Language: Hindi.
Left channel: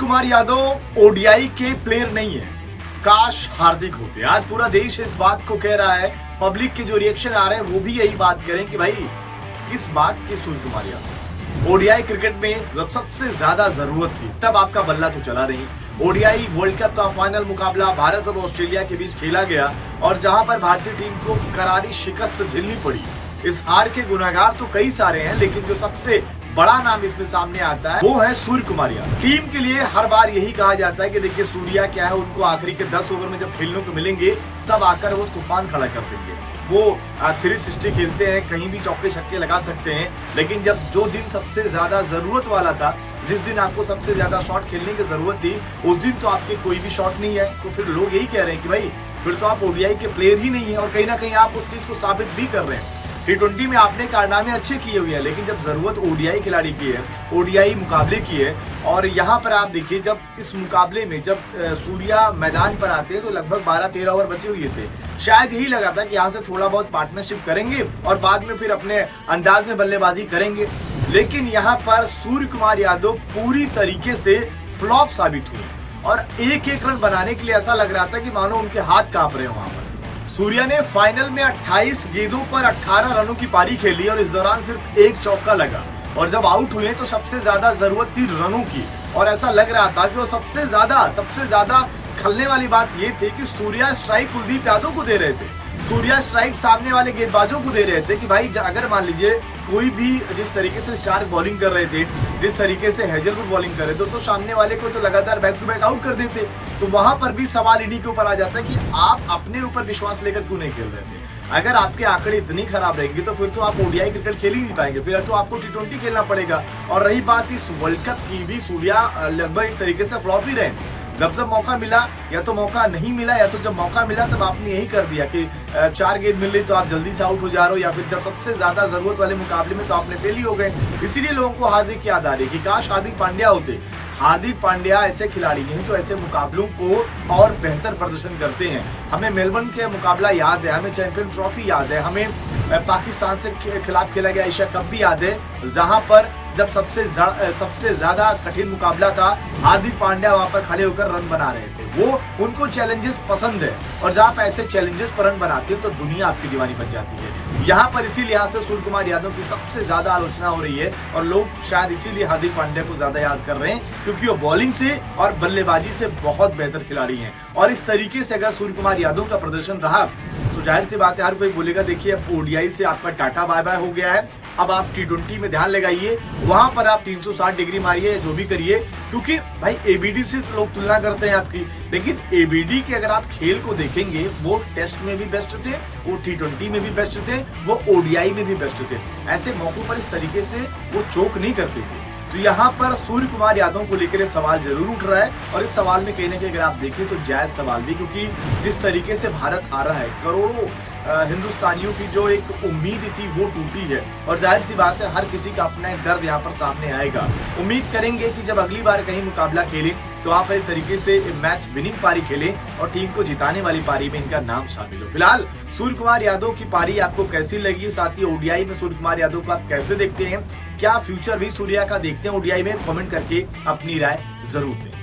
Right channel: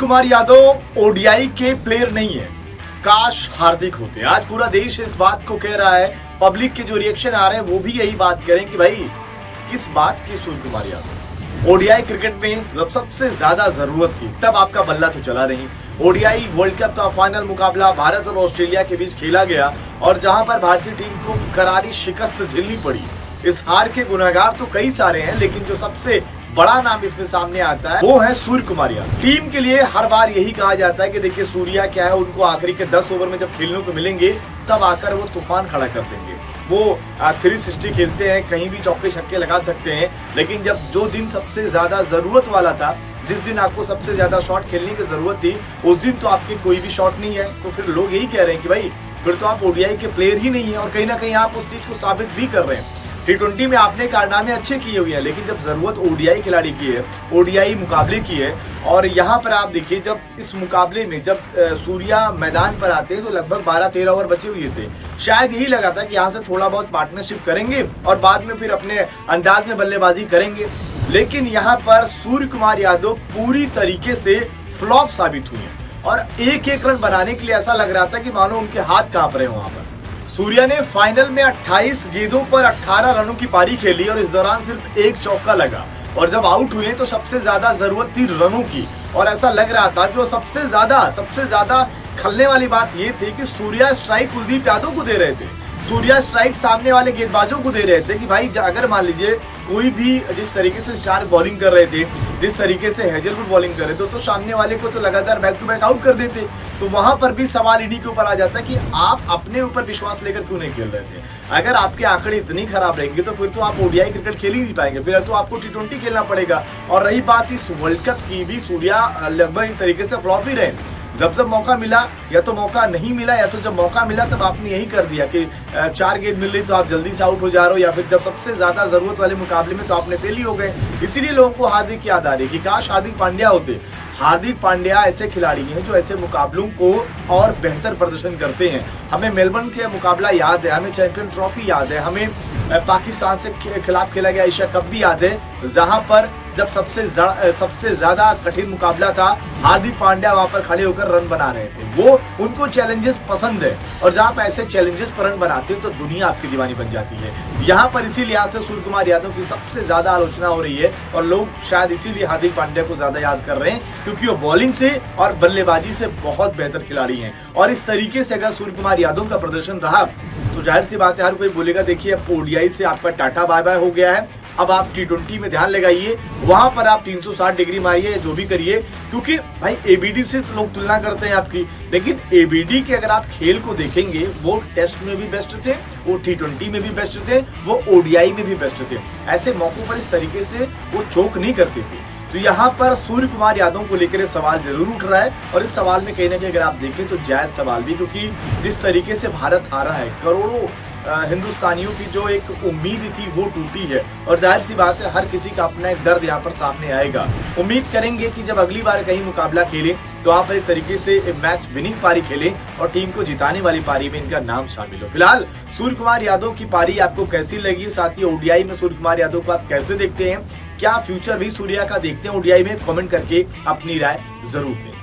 कुमार यादव ओडीआई के प्लेयर नहीं है, काश हार्दिक होते। आज पूरा देश इस बात को कह रहा है, पब्लिक के जो रिएक्शन आ रहे हैं वो भी यही बात करें कि भाई किस बात की सूर्य कुमार यादव। ओडीआई क्रिकेट में जब सबसे ज्यादा जरूरत थी तब आपका बल्ला तो चला नहीं। ओडीआई वर्ल्ड कप का फाइनल मुकाबला भारत और ऑस्ट्रेलिया के बीच खेला गया और जहां पर भारतीय टीम को करारी शिकस्त झेलनी पड़ी। इस हार के गुनाहगार तो कई सारे हैं, लेकिन जो सबसे बड़ा नाम इसमें सामने आता है वो है सूर्य कुमार यादव। टीम के लिए हर बार यही कहा जाता है कि देखिए सूर्या क्या है, उनको आखिरी के 10 ओवर में जब खेलने को मिलेंगे तब आकर वो तूफान खड़ा कर देंगे। वो 360 खेलते हैं, कहीं भी चौके छक्के लगा सकते हैं, लेकिन जब जो दिन सबसे ज्यादा जरूरत वाला था, जिस दिन आपको सबसे ज्यादा शॉट खेलने की जरूरत थी, उस दिन तो आपके कोई भी शॉट नहीं है। तो फिर लोग यही कह रहे हैं कि भाई फिर तो आप ओडीआई के प्लेयर ही नहीं है, और कहीं ना कहीं आप उस चीज को साबित भी कर रहे हैं। T20 में आपने कारनामे अच्छे किए हुए हैं, लेकिन जब जरूरत ओडीआई खिलाड़ी की है, ओडीआई मुकाबले की है, और यहाँ पर आप देखिए जब इस मुकाबले में जब सूर्या मैदान पर आते हैं तो लगभग 12-13 ओवर बचे हुए थे। शायद यही लगा था कि यहाँ से थोड़ा बहुत पार्टनरशिप करेंगे और बाद में फिर अपने अंदाज में बल्लेबाजी करेंगे, लेकिन यहाँ पर सूर्य कुमार यादव पूरी तरीके से फ्लॉप साबित हुए और एक रन बनाने के लिए ऐसा लग रहा था कि मानो उनके हाथ कांप रहे हो। वहां पर सूर्या ने फाइनल में 28 गेंदों पर 18 रनों की पारी खेली और इस दौरान सिर्फ एक चौका लगा, और जब आउट हुए तो सबसे ज्यादा जरूरत थी रनों की, और ऐसा लग रहा था कि वो सबसे ज्यादा खलने वाली बात ये थी कि सूर्या स्ट्राइक कुलदीप यादव को दे रहे थे, सूर्या स्ट्राइक सामने वाले गेंदबाजों को दे रहे थे कि भाई अगर मान लीजिए कोई भी जिस तरीके से स्टार्क बॉलिंग कर रहे थे, जिस तरीके से हेजलवुड बॉलिंग कर रहे थे, तो सामने वाले को तो लगातार बैक टू बैक आउट कर देते। तो वहां पर भी सवाल इन्हीं के ऊपर आ जाता है कि आप अपने ऊपर विश्वास लेकर क्यों नहीं खेल रहे थे। अगर आपके आंकड़े इतनी खराब रहेंगे तो फिर तो आप ओडीआई क्रिकेट खेल ही नहीं पाएंगे, फिर तो आपको T20 खेलना पड़ेगा। और रही बात इस वर्ल्ड कप की भी, सूर्या लगभग एक तरीके से फ्लॉप ही रहे। जब मौका मिला, या तो मौका नहीं मिला, या तो जब मौका मिला तब आपने यही कर दिया कि 4 गेंद मिल रही तो आप जल्दी से आउट हो जा रहे हो, या फिर जब सबसे ज्यादा जरूरत वाले मुकाबले में तो आपने फेल ही हो गए। इसीलिए लोगों को हार्दिक याद आ रही है कि काश हार्दिक पांड्या होते। हार्दिक पांड्या ऐसे खिलाड़ी हैं जो ऐसे मुकाबलों को और बेहतर प्रदर्शन करते हैं। हमें मेलबर्न के मुकाबला याद है, हमें चैंपियन ट्रॉफी याद है, हमें पाकिस्तान से खिलाफ खेला गया एशिया कप भी याद है, जहां पर जब सबसे ज्यादा कठिन मुकाबला था, हार्दिक पांड्या वहां पर खड़े होकर रन बना रहे थे। वो उनको चैलेंजेस पसंद है, और जहां आप ऐसे चैलेंजेस पर रन बनाते हो तो दुनिया आपकी दीवानी बन जाती है। यहाँ पर इसी लिहाज से सूर्य कुमार यादव की सबसे ज्यादा आलोचना हो रही है, और लोग शायद इसीलिए हार्दिक पांड्या को ज्यादा याद कर रहे हैं, क्योंकि वो बॉलिंग से और बल्लेबाजी से बहुत बेहतर खिलाड़ी हैं। और इस तरीके से अगर सूर्य कुमार यादव का प्रदर्शन रहा तो जाहिर सी बात है हर कोई बोलेगा देखिए अब ओडीआई से आपका टाटा बाय बाय हो गया है, अब आप T20 में ध्यान लगाइए, वहां पर आप 360 डिग्री मारिए, जो भी करिए, क्योंकि भाई एबीडी से तो लोग तुलना करते हैं आपकी, लेकिन एबीडी के अगर आप खेल को देखेंगे वो टेस्ट में भी बेस्ट थे, वो T20 में भी बेस्ट थे, वो ओडीआई में भी बेस्ट थे। ऐसे मौकों पर इस तरीके से वो चोक नहीं करते थे। तो यहाँ पर सूर्य कुमार यादव को लेकर सवाल जरूर उठ रहा है, और इस सवाल में कहीं ना कहीं अगर आप देखें तो जायज सवाल भी, क्योंकि जिस तरीके से भारत हारा है, करोड़ों हिंदुस्तानियों की जो एक उम्मीद थी वो टूटी है, और जाहिर सी बात है हर किसी का अपना एक दर्द यहाँ पर सामने आएगा। उम्मीद करेंगे कि जब अगली बार कहीं मुकाबला खेले तो आप एक तरीके से मैच विनिंग पारी खेलें और टीम को जिताने वाली पारी में इनका नाम शामिल हो। फिलहाल सूर्य कुमार यादव की पारी आपको कैसी लगी, साथ ही ओडीआई में सूर्य कुमार यादव को आप कैसे देखते हैं, क्या फ्यूचर भी सूर्या का देखते हैं ओडीआई में, कमेंट करके अपनी राय जरूर दें।